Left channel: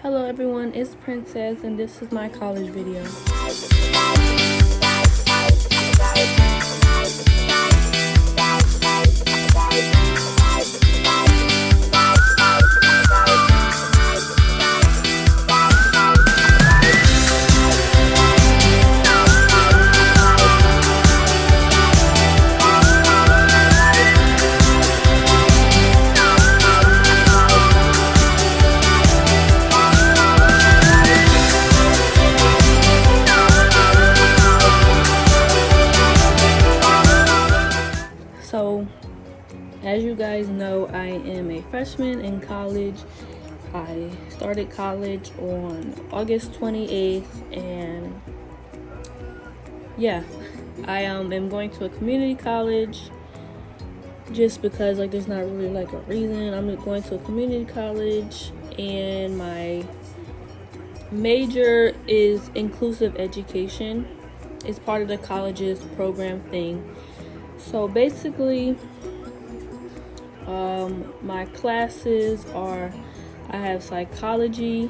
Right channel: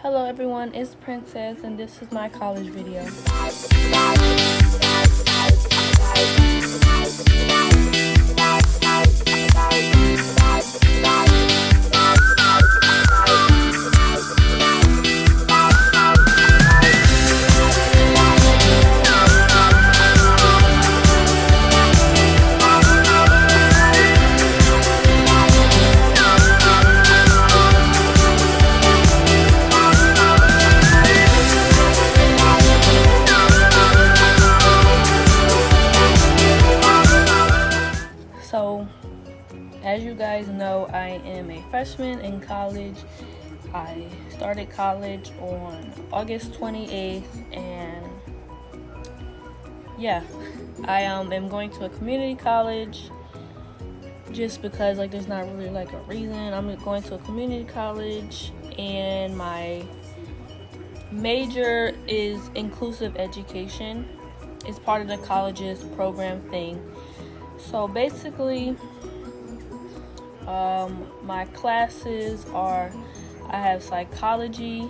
Hello everyone, it's Princess and this is my college video. So, as you guys know, I am a freshman in college. I started college on August 28th, and yeah, I am going to a community college just because there's not really a reason. I'm going to a community college, and my major is inclusive education. It's part of the college's program thing. So basically, my classes are, I have psychology,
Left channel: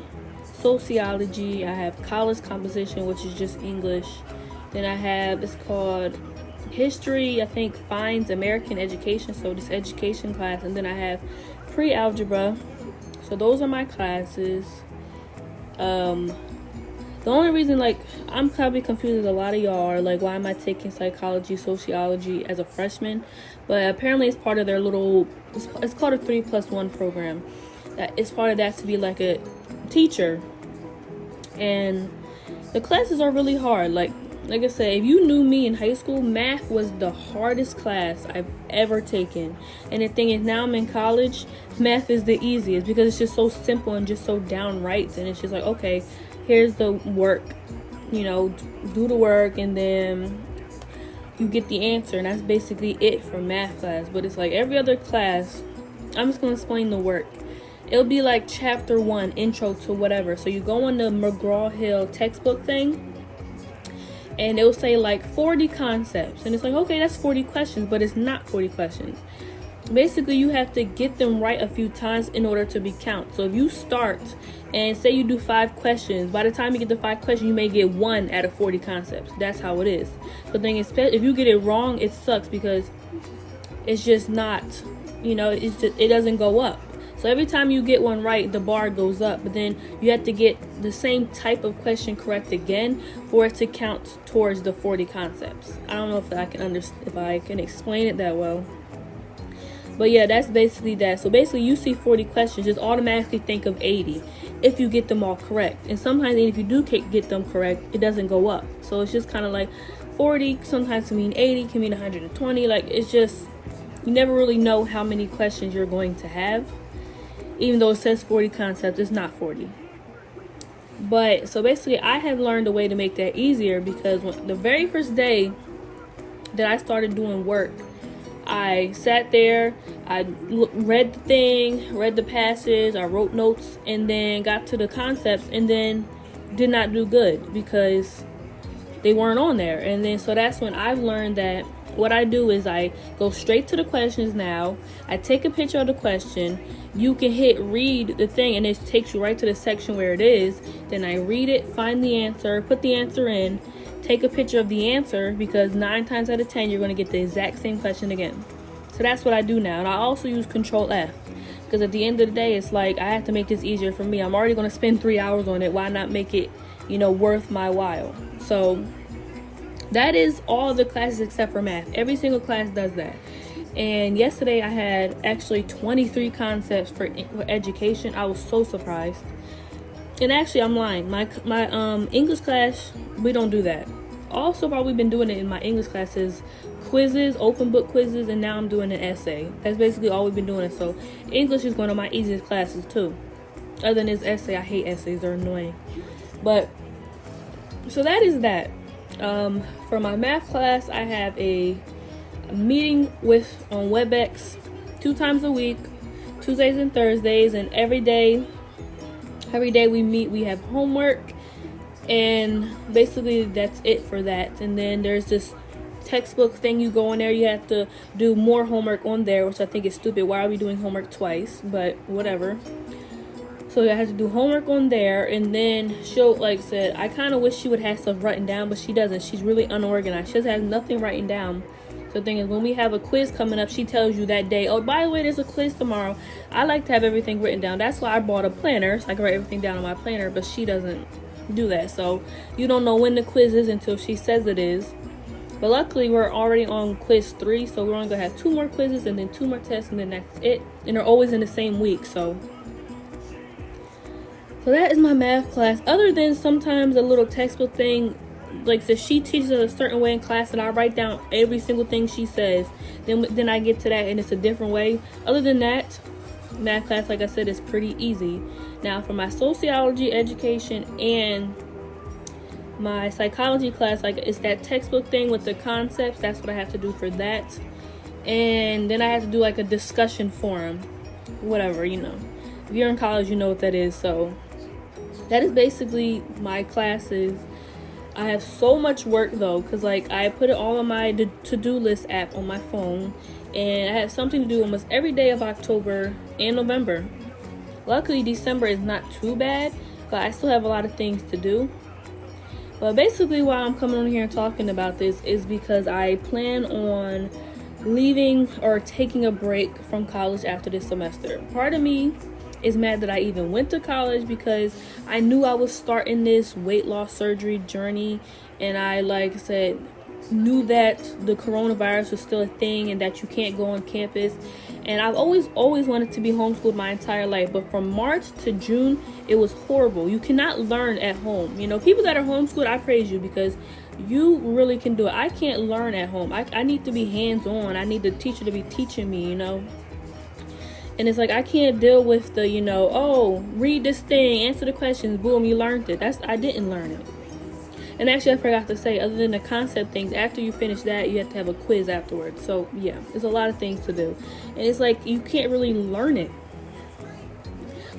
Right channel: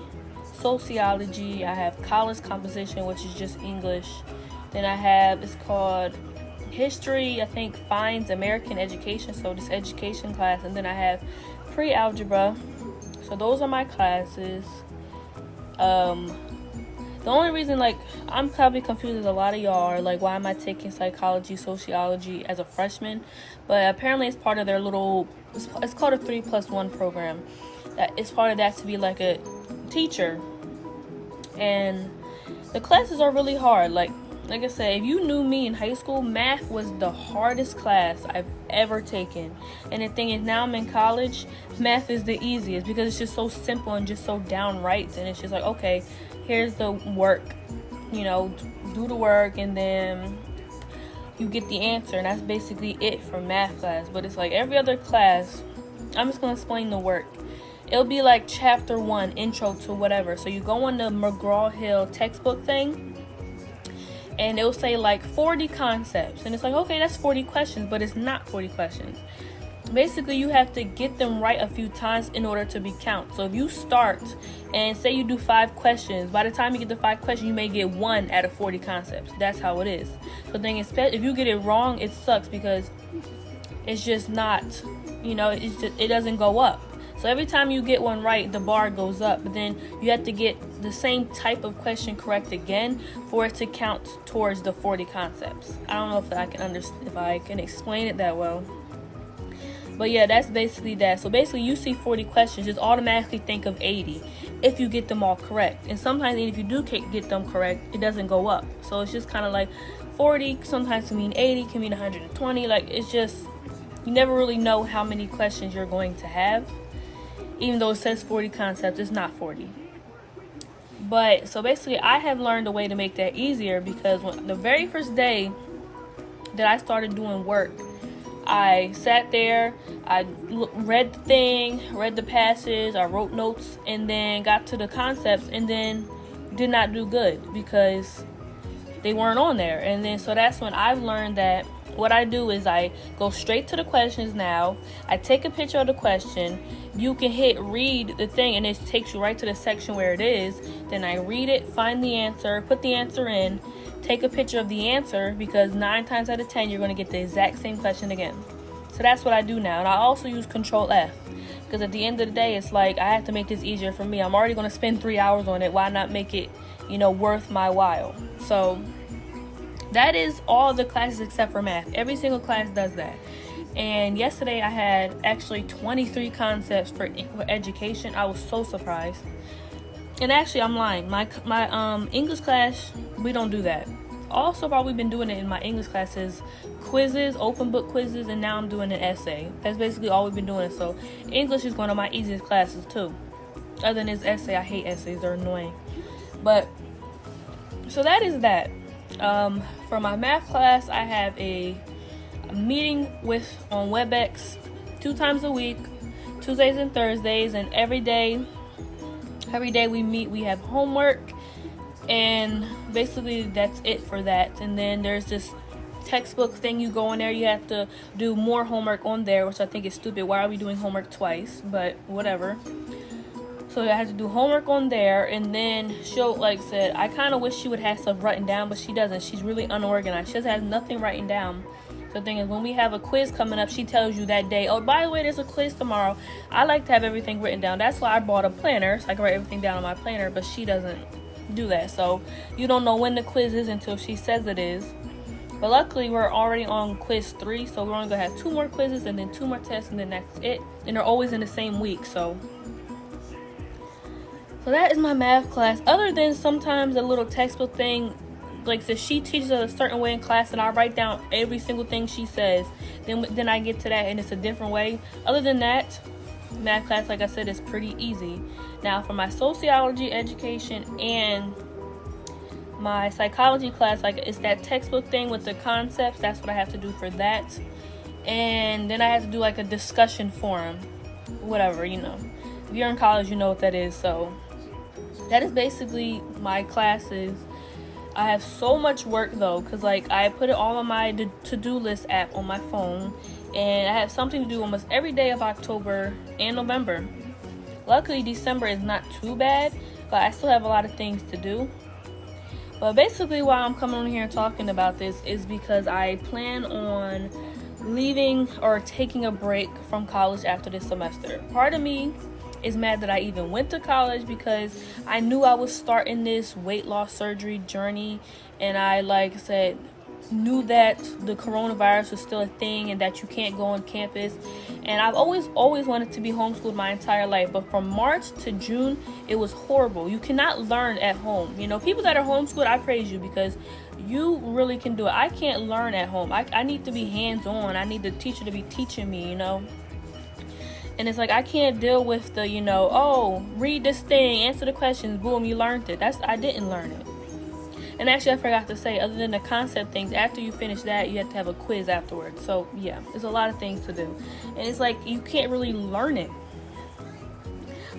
sociology, I have college composition, which is just English. Then I have, it's called history, I think Fines American Education, so this education class. And then I have pre-algebra. So those are my classes. The only reason I'm probably confused as a lot of y'all are why am I taking psychology, sociology as a freshman? But apparently it's part of their it's called a 3+1 program. That it's part of that to be a teacher. And the classes are really hard. Like I said, if you knew me in high school, math was the hardest class I've ever taken. And the thing is, now I'm in college, math is the easiest because it's just so simple and just so downright. And it's just okay, here's the work, do the work, and then you get the answer. And that's basically it for math class. But it's every other class, I'm just going to explain the work. It'll be chapter 1, intro to whatever. So you go on the McGraw-Hill textbook thing, and it'll say 40 concepts. And it's okay, that's 40 questions, but it's not 40 questions. Basically, you have to get them right a few times in order to be counted. So if you start and say you do 5 questions, by the time you get the 5 questions, you may get 1 out of 40 concepts. That's how it is. So the thing is, if you get it wrong, it sucks because it's just not, it doesn't go up. So every time you get one right, the bar goes up, but then you have to get the same type of question correct again for it to count towards the 40 concepts. I don't know if I can explain it that well. But yeah, that's basically that. So basically, you see 40 questions, just automatically think of 80 if you get them all correct. And sometimes if you do get them correct, it doesn't go up. So it's just kind of 40 sometimes can mean 80, can mean 120. It's just, you never really know how many questions you're going to have. Even though it says 40 concepts, it's not 40. But so basically, I have learned a way to make that easier because the very first day that I started doing work, I sat there, I read the thing, read the passage, I wrote notes, and then got to the concepts, and then did not do good because they weren't on there. And then so that's when I've learned that what I do is I go straight to the questions now. I take a picture of the question. You can hit read the thing, and it takes you right to the section where it is. Then I read it, find the answer, put the answer in, take a picture of the answer, because 9 times out of 10 you're going to get the exact same question again. So that's what I do now. And I also use Control F because at the end of the day, it's I have to make this easier for me. I'm already going to spend 3 hours on it. Why not make it worth my while? So that is all the classes except for math. Every single class does that. And yesterday I had actually 23 concepts for education. I was so surprised. And actually, I'm lying. My English class, we don't do that. Also, while we've been doing it in my English classes, quizzes, open book quizzes, and now I'm doing an essay. That's basically all we've been doing. So English is one of my easiest classes too. Other than this essay, I hate essays. They're annoying. But so that is that. For my math class, I have a meeting on WebEx 2 times a week, Tuesdays and Thursdays, and every day we meet. We have homework, and basically that's it for that. And then there's this textbook thing. You go in there, you have to do more homework on there, which I think is stupid. Why are we doing homework twice? But whatever. So So I had to do homework on there, and then she'll, like I said, I kind of wish she would have stuff written down, but she doesn't. She's really unorganized. She just has nothing written down. So the thing is, when we have a quiz coming up, she tells you that day, oh, by the way, there's a quiz tomorrow. I like to have everything written down. That's why I bought a planner, so I can write everything down on my planner, but she doesn't do that. So you don't know when the quiz is until she says it is. But luckily, we're already on quiz 3, so we're only going to have 2 more quizzes and then 2 more tests, and then that's it. And they're always in the same week, so that is my math class. Other than sometimes a little textbook thing, like so she teaches us a certain way in class, and I write down every single thing she says. Then I get to that, and it's a different way. Other than that, math class, like I said, is pretty easy. Now, for my sociology education and my psychology class, like it's that textbook thing with the concepts. That's what I have to do for that. And then I have to do like a discussion forum, whatever, you know. If you're in college, you know what that is. So that is basically my classes. I have so much work though, because like I put it all on my to-do list app on my phone, and I have something to do almost every day of October and November. Luckily, December is not too bad, but I still have a lot of things to do. But basically why I'm coming on here and talking about this is because I plan on leaving or taking a break from college after this semester. Part of me is mad that I even went to college, because I knew I was starting this weight loss surgery journey, and I, like I said, knew that the coronavirus was still a thing and that you can't go on campus. And I've always wanted to be homeschooled my entire life, but from March to June it was horrible. You cannot learn at home. You know, people that are homeschooled, I praise you, because you really can do it. I can't learn at home. I need to be hands-on. I need the teacher to be teaching me, you know. And it's like, I can't deal with the, you know, oh, read this thing, answer the questions, boom, you learned it. I didn't learn it. And actually, I forgot to say, other than the concept things, after you finish that, you have to have a quiz afterwards. So yeah, there's a lot of things to do. And it's like, you can't really learn it.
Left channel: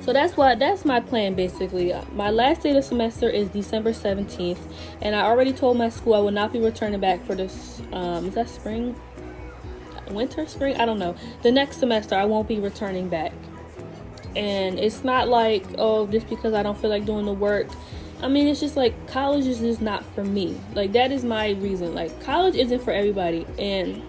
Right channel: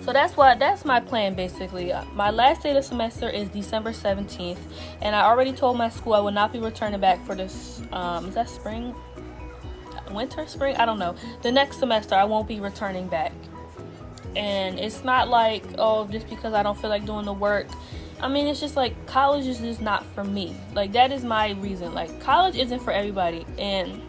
So that's my plan basically. My last day of the semester is December 17th. And I already told my school I will not be returning back for this, is that spring? Winter, spring? I don't know. The next semester I won't be returning back. And it's not like, oh, just because I don't feel like doing the work. I mean, it's just like, college is just not for me. Like, that is my reason. Like, college isn't for everybody, and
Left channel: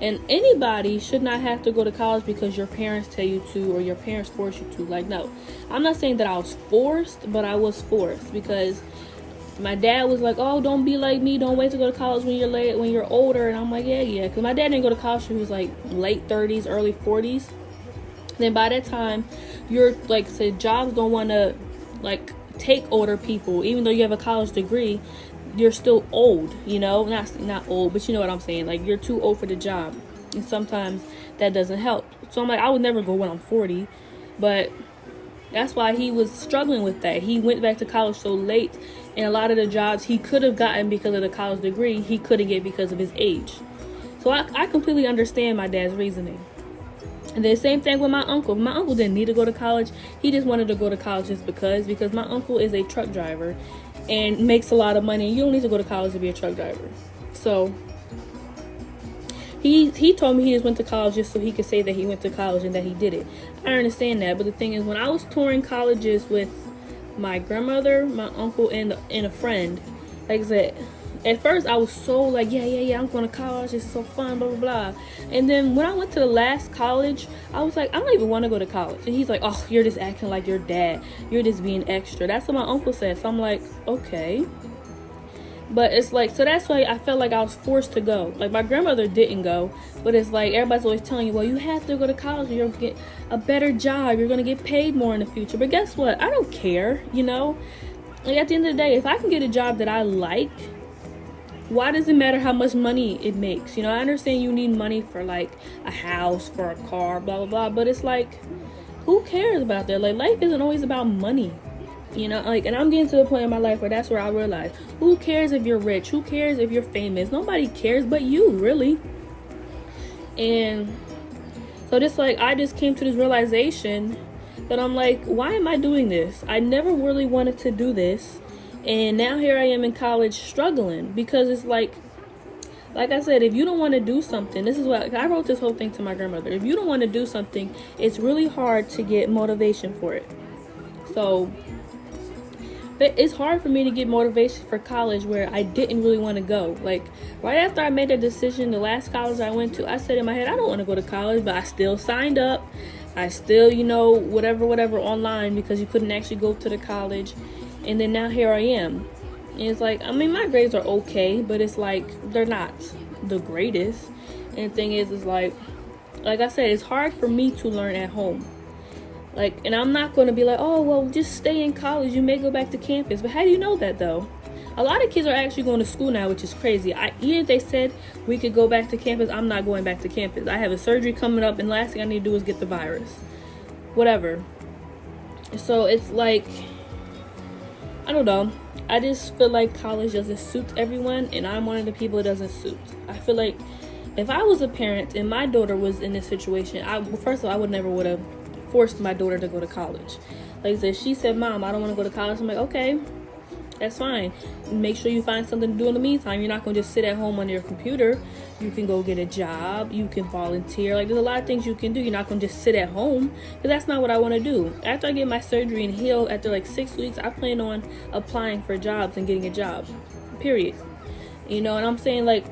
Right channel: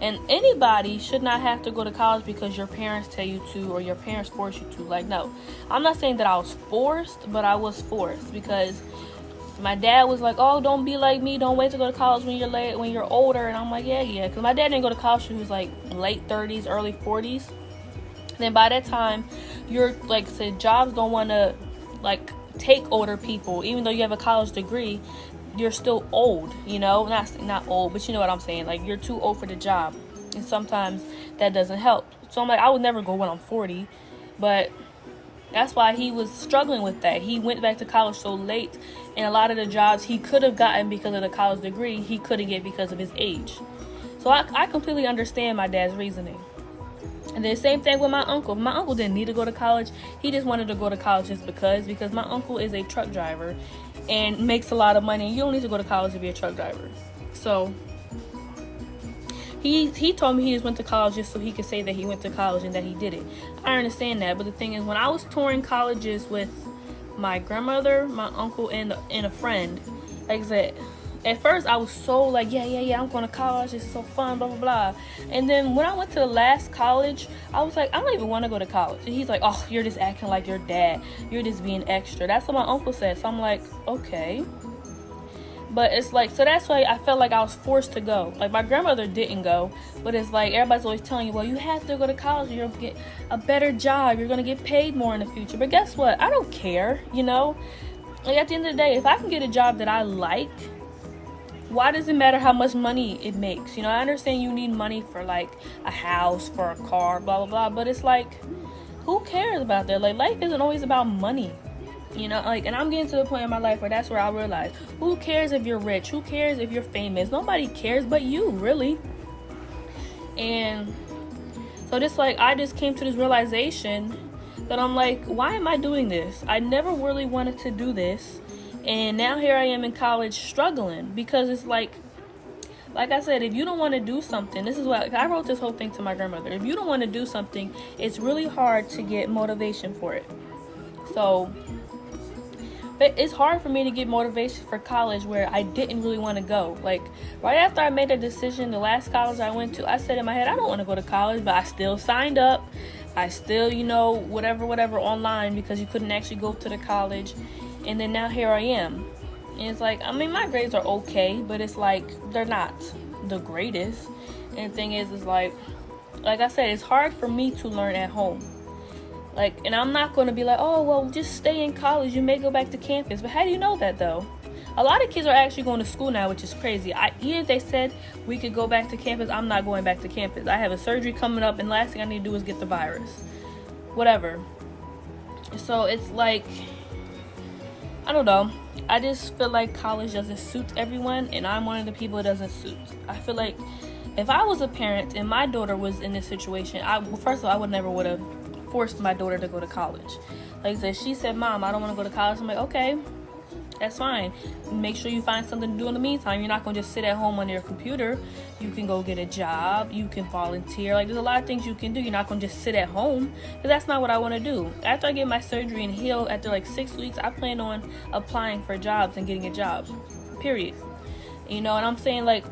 anybody should not have to go to college because your parents tell you to, or your parents force you to. Like, no, I'm not saying that I was forced, but I was forced, because my dad was like, oh, don't be like me, don't wait to go to college when you're older. And I'm like, yeah, because my dad didn't go to college when he was like late 30s, early 40s. Then by that time, you're like, say, jobs don't want to like take older people. Even though you have a college degree, you're still old, you know. Not old, but you know what I'm saying. Like, you're too old for the job, and sometimes that doesn't help. So I'm like, I would never go when I'm 40, but that's why he was struggling with that. He went back to college so late, and a lot of the jobs he could have gotten because of the college degree, he couldn't get because of his age. So I completely understand my dad's reasoning. And then same thing with my uncle. My uncle didn't need to go to college. He just wanted to go to college just because my uncle is a truck driver and makes a lot of money. You don't need to go to college to be a truck driver. So he told me he just went to college just so he could say that he went to college and that he did it. I understand that, but the thing is, when I was touring colleges with my grandmother, my uncle, and a friend, like I said, at first I was so like, yeah, I'm going to college, it's so fun, blah blah blah. And then when I went to the last college, I was like, I don't even want to go to college. And he's like, oh, you're just acting like your dad, you're just being extra. That's what my uncle said. So I'm like, okay. But it's like, so that's why I felt like I was forced to go. Like, my grandmother didn't go, but it's like, everybody's always telling you, well, you have to go to college, you're gonna get a better job, you're gonna get paid more in the future. But guess what? I don't care, you know. Like, at the end of the day, if I can get a job that I like, why does it matter how much money it makes? You know, I understand you need money for like a house, for a car, blah blah blah, but it's like, who cares about that? Like, life isn't always about money, you know. Like, and I'm getting to the point in my life where that's where I realize, who cares if you're rich? Who cares if you're famous? Nobody cares but you, really. And so just like, I just came to this realization that I'm like, why am I doing this? I never really wanted to do this. And now here I am in college struggling, because it's like I said, if you don't want to do something, this is what I wrote this whole thing to my grandmother. If you don't want to do something, it's really hard to get motivation for it. So, but it's hard for me to get motivation for college where I didn't really want to go. Like, right after I made that decision, the last college I went to, I said in my head, I don't want to go to college, but I still signed up. I still, whatever online, because you couldn't actually go to the college. And then now here I am. And it's like, I mean, my grades are okay, but it's like, they're not the greatest. And the thing is like I said, it's hard for me to learn at home. Like, and I'm not going to be like, oh, well, just stay in college. You may go back to campus. But how do you know that, though? A lot of kids are actually going to school now, which is crazy. Even if they said we could go back to campus, I'm not going back to campus. I have a surgery coming up, and last thing I need to do is get the virus. Whatever. So it's like, I don't know. I just feel like college doesn't suit everyone, and I'm one of the people it doesn't suit. I feel like if I was a parent and my daughter was in this situation, first of all, I would have forced my daughter to go to college. Like I said, she said, Mom, I don't want to go to college. I'm like, okay, that's fine. Make sure you find something to do in the meantime. You're not going to just sit at home on your computer. You can go get a job. You can volunteer. Like, there's a lot of things you can do. You're not going to just sit at home, because that's not what I want to do. After I get my surgery and heal, after like 6 weeks, I plan on applying for jobs and getting a job, period. And I'm saying, like,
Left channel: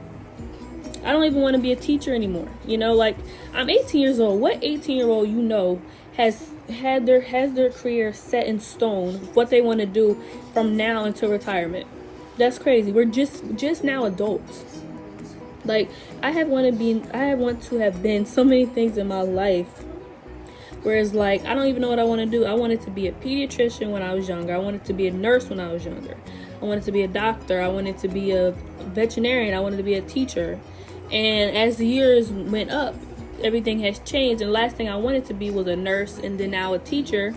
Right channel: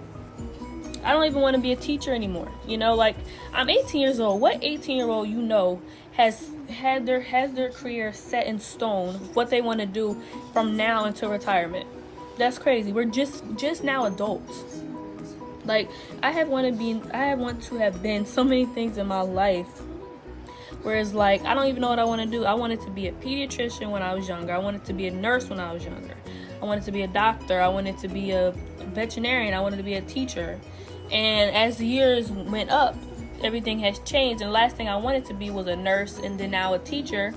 I don't even want to be a teacher anymore. Like, I'm 18 years old. What 18-year-old has their career set in stone, what they want to do from now until retirement? That's crazy. We're just now adults. Like, I want to have been so many things in my life, whereas, like, I don't even know what I want to do. I wanted to be a pediatrician when I was younger. I wanted to be a nurse when I was younger. I wanted to be a doctor. I wanted to be a veterinarian. I wanted to be a teacher. And as the years went up, everything has changed, and the last thing I wanted to be was a nurse, and then now a teacher.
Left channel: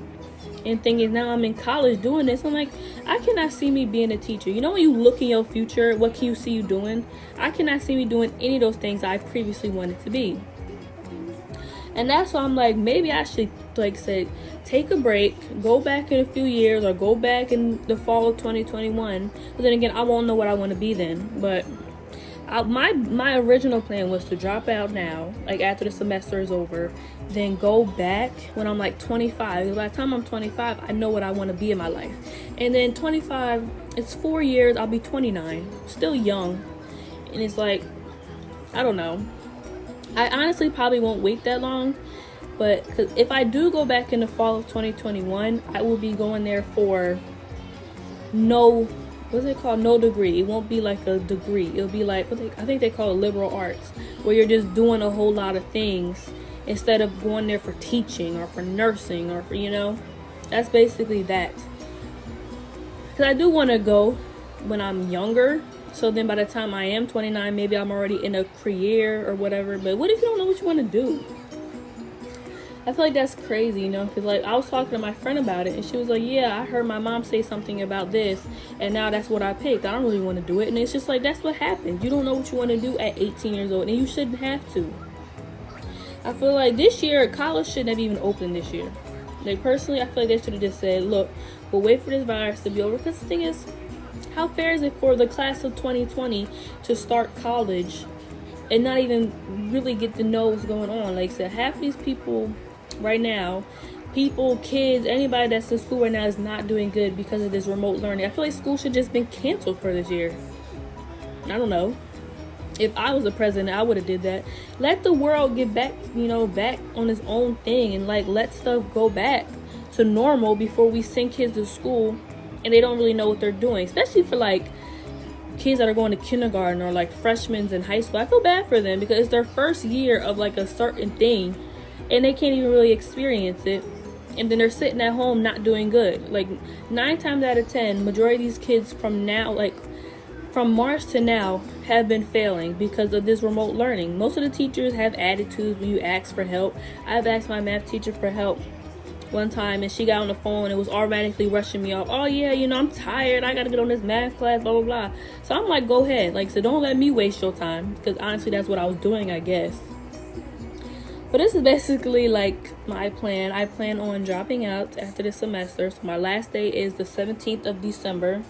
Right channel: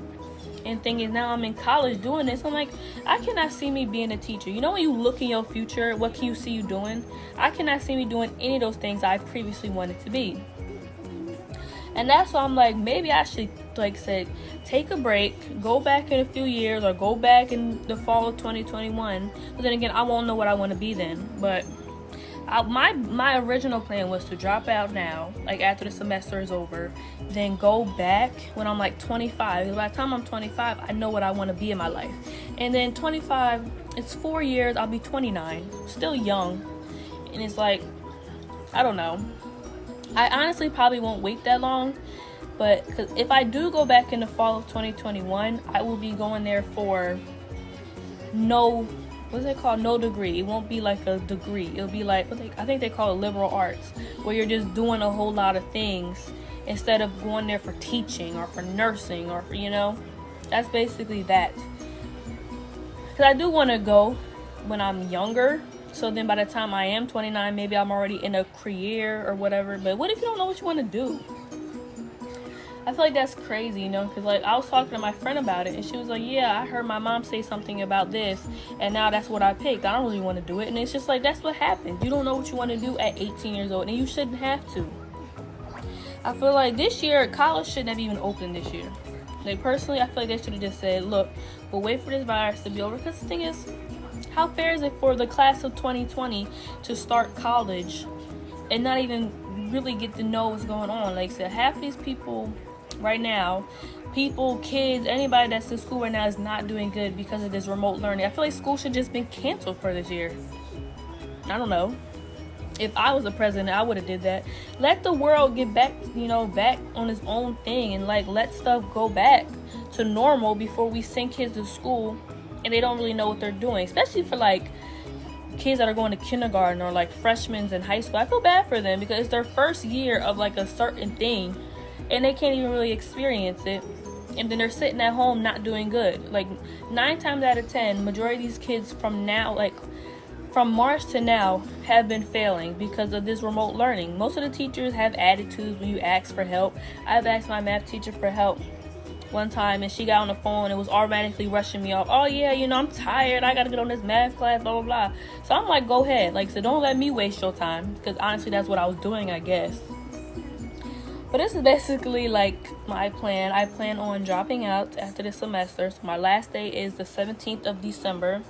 And thing is, now I'm in college doing this. I'm like, I cannot see me being a teacher. When you look in your future, what can you see you doing? I cannot see me doing any of those things I previously wanted to be. And that's why I'm like, maybe I should, like I said, take a break, go back in a few years, or go back in the fall of 2021. But then again, I won't know what I want to be then. But my original plan was to drop out now, like after the semester is over, then go back when I'm like 25. Because by the time I'm 25, I know what I want to be in my life. And then 25, it's 4 years, I'll be 29, still young. And it's like, I don't know. I honestly probably won't wait that long, but because if I do go back in the fall of 2021, I will be going there for no degree. It won't be like a degree. It'll be like, I think they call it liberal arts, where you're just doing a whole lot of things instead of going there for teaching or for nursing or for, that's basically that. Because I do want to go when I'm younger, so then by the time I am 29, maybe I'm already in a career or whatever. But what if you don't know what you want to do? I feel like that's crazy, because like I was talking to my friend about it, and she was like, yeah, I heard my mom say something about this, and now that's what I picked. I don't really want to do it. And it's just like, that's what happens. You don't know what you want to do at 18 years old, and you shouldn't have to. I feel like this year, college shouldn't have even opened this year. Like, personally, I feel like they should have just said, look, we'll wait for this virus to be over. Because the thing is, how fair is it for the class of 2020 to start college and not even really get to know what's going on? Like I said, half these people right now, kids, anybody that's in school right now is not doing good because of this remote learning. I feel like school should just been canceled for this year. I don't know. If I was the president, I would have did that. Let the world get back, back on its own thing, and like let stuff go back to normal before we send kids to school and they don't really know what they're doing. Especially for like kids that are going to kindergarten or like freshmen in high school. I feel bad for them because it's their first year of like a certain thing and they can't even really experience it. And then they're sitting at home not doing good. Like 9 times out of 10, majority of these kids from now, like from March to now, have been failing because of this remote learning. Most of the teachers have attitudes when you ask for help. I've asked my math teacher for help one time and she got on the phone and was automatically rushing me off. Oh yeah, I'm tired. I gotta get on this math class, blah, blah, blah. So I'm like, go ahead. Like, so don't let me waste your time, because honestly, that's what I was doing, I guess. But this is basically like my plan. I plan on dropping out after this semester. So my last day is the 17th of December.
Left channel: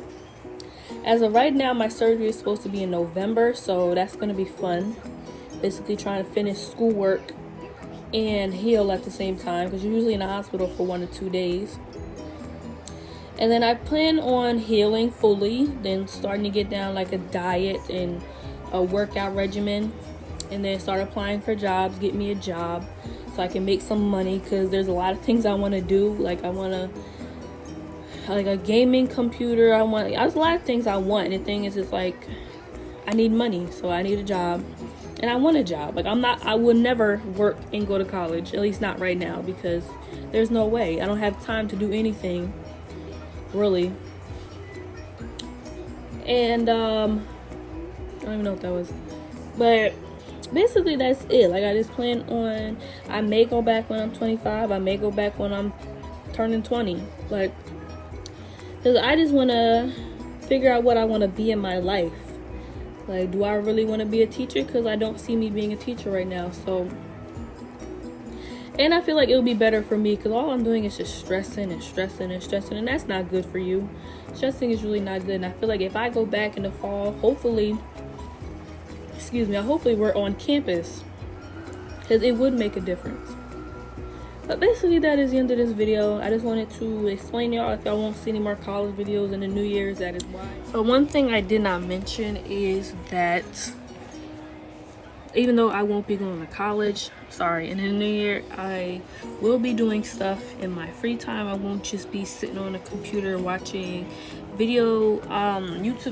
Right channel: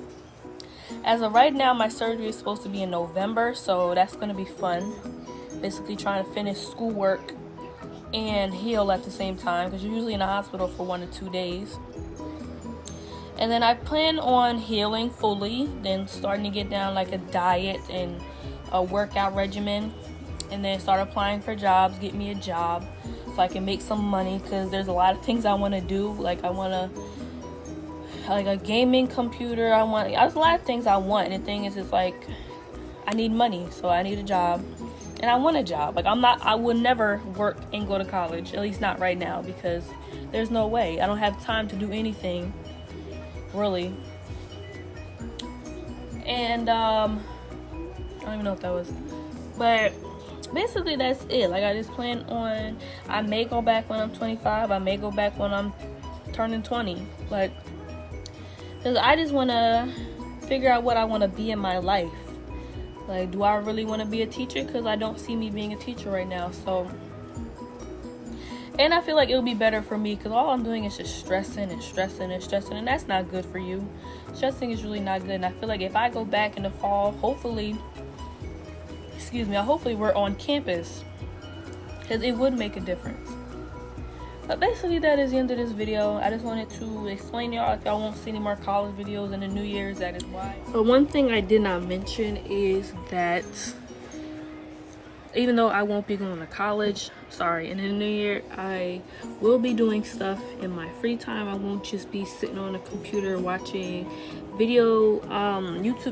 As of right now, my surgery is supposed to be in November, so that's going to be fun. Basically trying to finish schoolwork and heal at the same time, because you're usually in the hospital for 1 to 2 days. And then I plan on healing fully, then starting to get down like a diet and a workout regimen, and then start applying for jobs, get me a job so I can make some money, because there's a lot of things I want to do. Like I want to, like a gaming computer, there's a lot of things I want, and the thing is, it's like I need money, so I need a job, and I want a job. Like I will never work and go to college, at least not right now, because there's no way. I don't have time to do anything really. And I don't even know what that was, but basically that's it. Like I just plan on, I may go back when I'm 25, I may go back when I'm turning 20, like, because I just want to figure out what I want to be in my life. Like, do I really want to be a teacher? Because I don't see me being a teacher right now. So, and I feel like it would be better for me, because all I'm doing is just stressing and stressing and stressing, and that's not good for you. Stressing is really not good. And I feel like if I go back in the fall, hopefully we're on campus, because it would make a difference. But basically that is the end of this video. I just wanted to explain to y'all, if y'all won't see any more college videos in the New Year's, that is why. But one thing I did not mention is that even though I won't be going to college, in the new year, I will be doing stuff in my free time. I won't just be sitting on a computer watching YouTube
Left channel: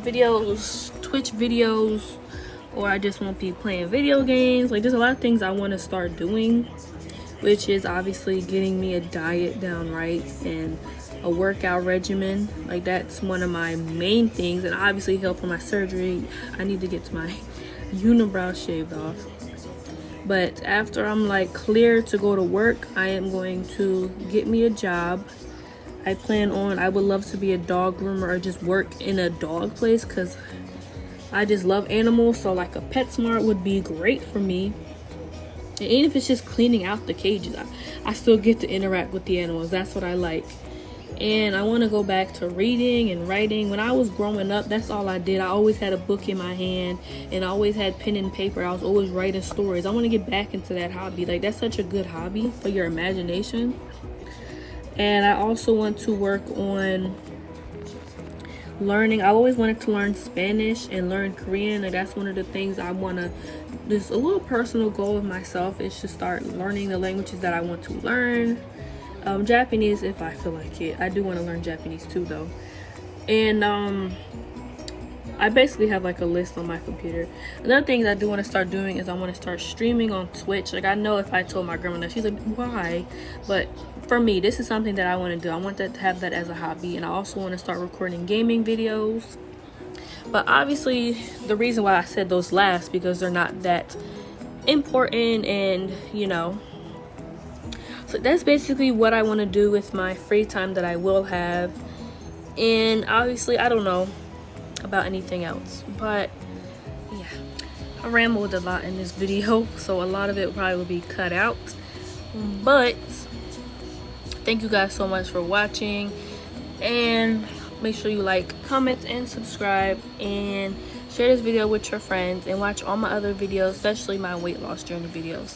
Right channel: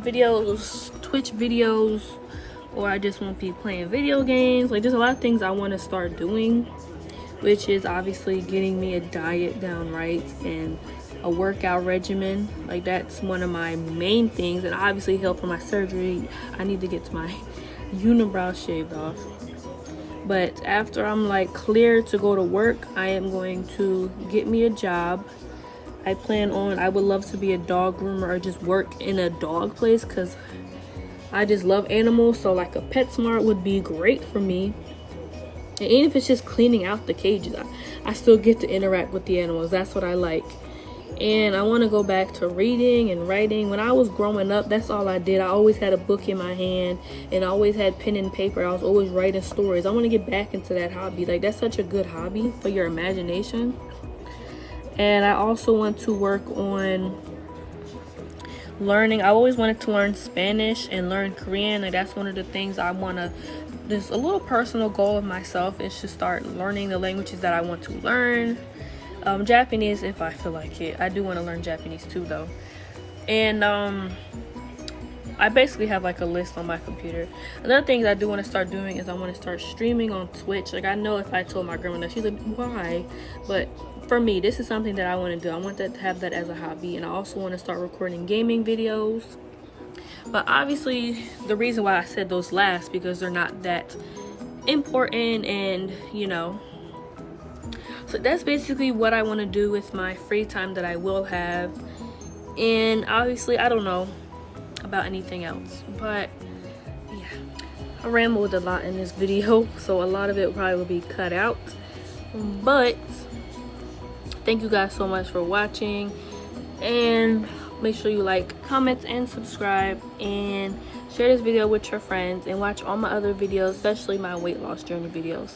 videos, Twitch videos, or I just won't be playing video games. Like, there's a lot of things I want to start doing, which is obviously getting me a diet down right and a workout regimen. Like, that's one of my main things, and obviously help for my surgery. I need to get my unibrow shaved off. But after I'm like clear to go to work, I am going to get me a job. I would love to be a dog groomer or just work in a dog place, because I just love animals. So like a PetSmart would be great for me. And even if it's just cleaning out the cages, I still get to interact with the animals. That's what I like. And I want to go back to reading and writing. When I was growing up, that's all I did. I always had a book in my hand, and I always had pen and paper. I was always writing stories. I want to get back into that hobby. Like, that's such a good hobby for your imagination. And I also want to work on learning. I always wanted to learn Spanish and learn Korean. Like, that's one of the things I want to, this a little personal goal of myself, is to start learning the languages that I want to learn. Japanese, if I feel like it. I do want to learn Japanese too, though. And I basically have like a list on my computer. Another thing I do want to start doing is I want to start streaming on Twitch. Like, I know if I told my grandma that, she's like, why? But for me, this is something that I want to do. I want to have that as a hobby, and I also want to start recording gaming videos. But obviously, the reason why I said those last, because they're not that important, and you know. So that's basically what I want to do with my free time that I will have. And obviously, I don't know about anything else. But yeah, I rambled a lot in this video, so a lot of it probably will be cut out. But thank you guys so much for watching. And make sure you like, comment, and subscribe. And share this video with your friends. And watch all my other videos, especially my weight loss journey videos.